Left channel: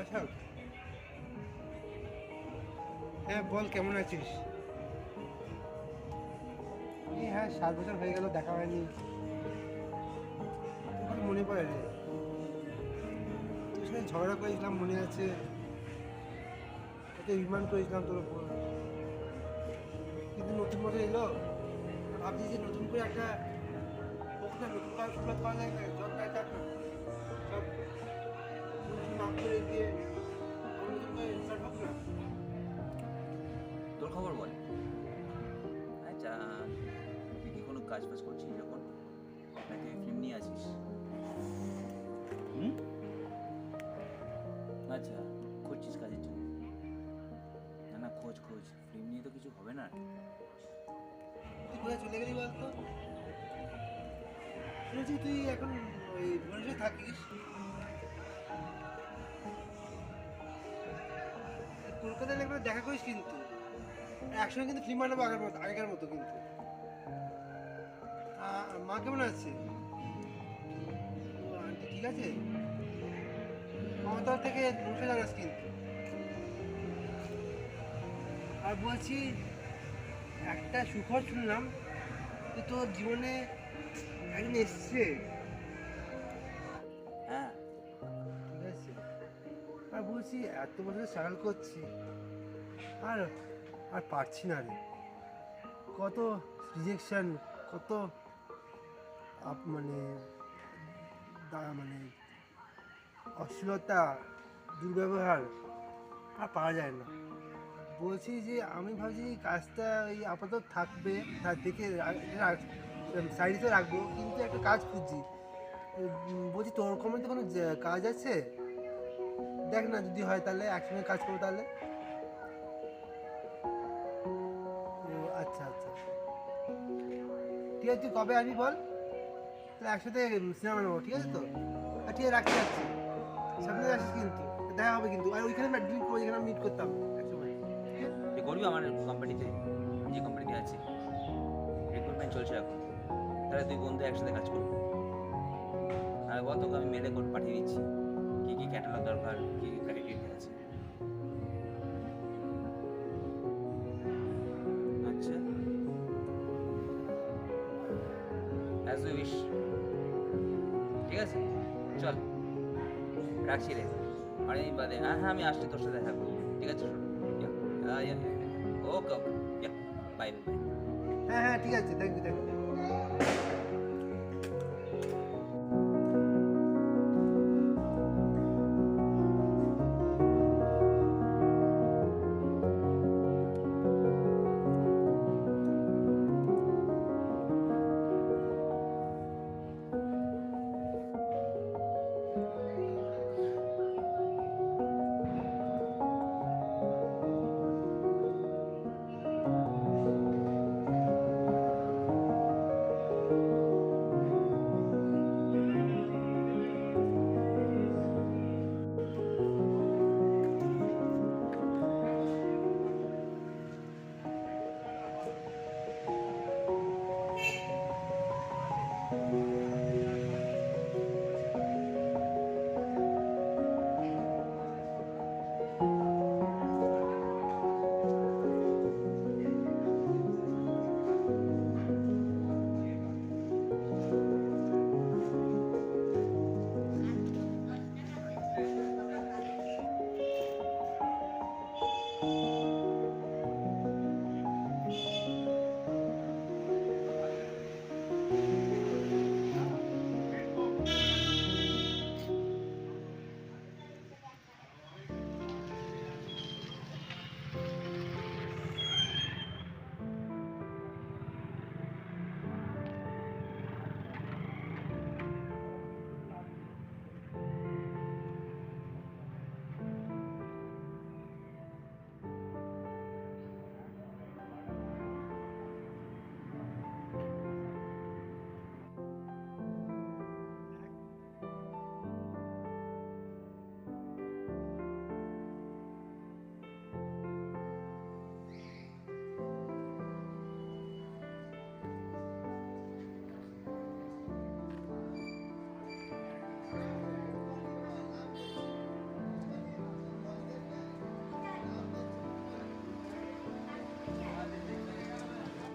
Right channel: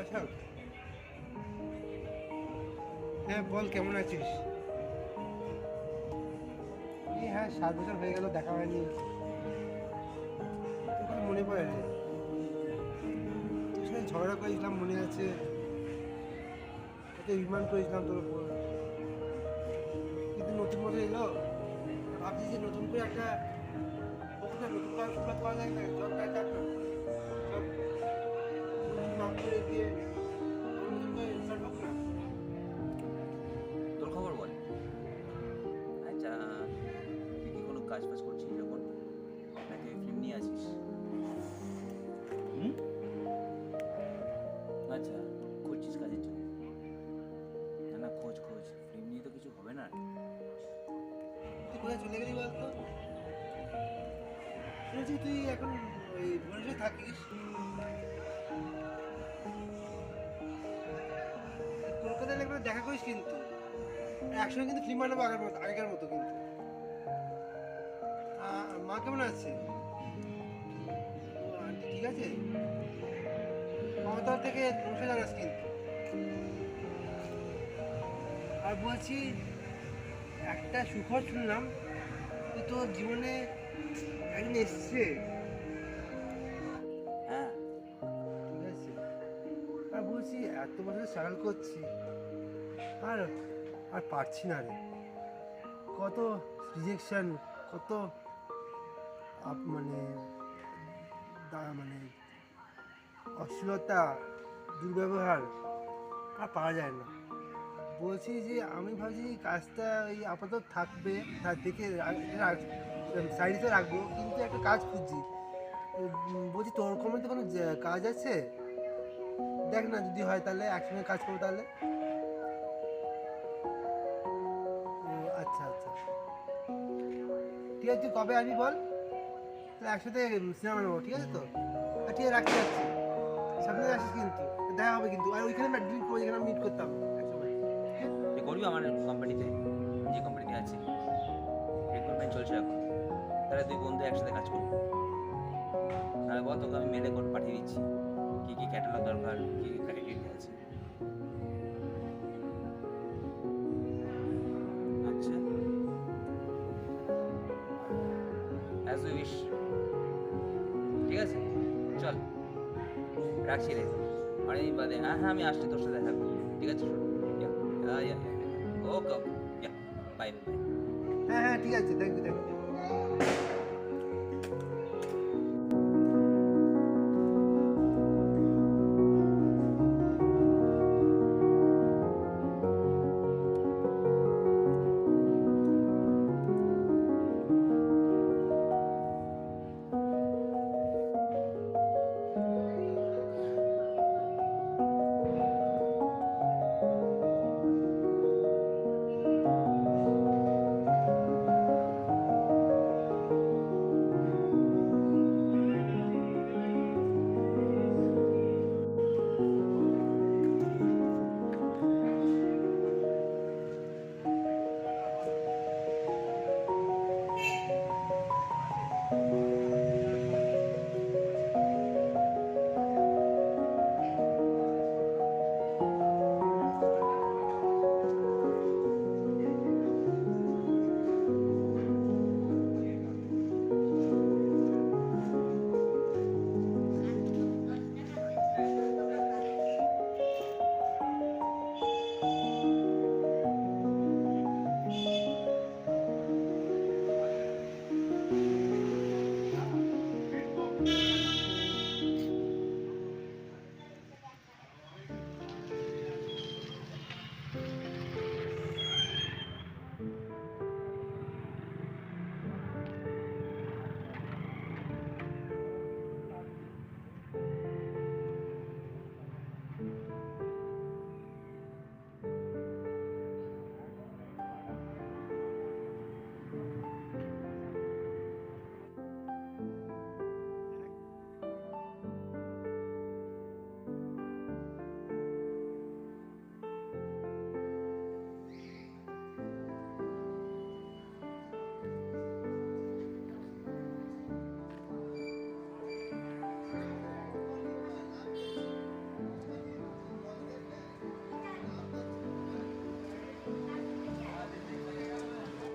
আচ্ছা, হ্যাঁ বল কেমন আছিস? এই হ্যাঁ 7 বছর হয়ে গেল দেখা হয়নি। তোর কথা মনে পড়ে রে, তোর সাথে ঝগড়া করেছিলাম মনে আছে, কত অভিমান করেছিলাম তোর উপর। কিন্তু নতুন বছর এলো, ভাবছি যে নতুন করে একটা হোক না, নতুন করে শুরুয়াত করা যায় না, জব কাজ যাক না, সব মাফ করে দিয়ে আবার নতুন করে স্টার্ট হোক না। তোর খবর বল। আচ্ছা, তুই কি কোনো কাজ বাজ করছিস এখন, নাকি ফিল্ম নিয়ে আছিস? হুম, আচ্ছা, খুঁজছিস কাজের জন্য? না না, খোঁজ খোঁজ, ফিল্ম নিয়ে তো কিছু হবে না। তুই কোথায় চলে গেলি বলতো? শুনেছি তুই এখন ওই ভুবনেশ্বরে থাকিস। কলকাতায় একবার দেখা করিস কিন্তু, একসঙ্গে কিন্তু ফিল্ম বানাবো আগের মতো, আগেকার মতো কিন্তু। মা কেমন আছে? ও আন্টি ঠিক আছে? মমতার থেকে নমস্কার জানাস কিন্তু। আর বলছি, একটা সুখবর শুনলাম, তুই তোর জীবনে একদিন এসছে। হ্যাঁ, ঠিক আছে, আর বলছি এত বছর স্ট্রাগল করছি, আর আর পারছি না রে। কত রিজেকশন, কত মানে মানে অশ্লীলতা, দুর্ব্যবহার, আর পারা যায় না। বলছি যে আমি ভাবছি এই কাজটা এই আপাতত থাকবে, তার দেখে সাইডে রাখবো, কিন্তু একটা কাজ খুঁজছি। বলছি তোর কমে তো কোনো কাজ আছে? দেখ না, যদি হয় তাহলে একসঙ্গে কাজ করবো তাহলে। ও আচ্ছা আচ্ছা, ঠিক আছে, তুই কবে আসবি বল, তাহলে একসাথে সিনেমা নেবো, ঠিক আছে তো? ঠিক আছে, রাখছি রাখছি, সামনে আসিস কিন্তু, দেখা হবে কিন্তু। আর ওইখানে না ড্রিঙ্ক করে, যেখানে মিট করতাম একসময়, ঠিক আছে? তুই করবি আমার কোম্পানিতে, যে কোম্পানিতে আছি, রিক্রুটমেন্ট চলছে এখন। তাহলে তুই বন্ধু একসাথে কাজ করবো। আর বল, তোকে আমি মেলে করে পাঠিয়ে দিচ্ছি কী কী ক্যাটালগ দরকার, কী কী ক্রাইটেরিয়া আছে। আচ্ছা, অ্যাজ ইউ উইশ। ঠিক আছে, চল, রাখছি রে। অনেকদিন বাদে, হ্যাঁ হ্যাঁ, আমি আসছি, তোর সাথে দেখা করবো। ঠিক আছে, শোনো, ওকে ওকে, বাই বাই। হ্যাঁ হ্যাঁ ঠিক আছে, থ্যাংক ইউ থ্যাংক ইউ।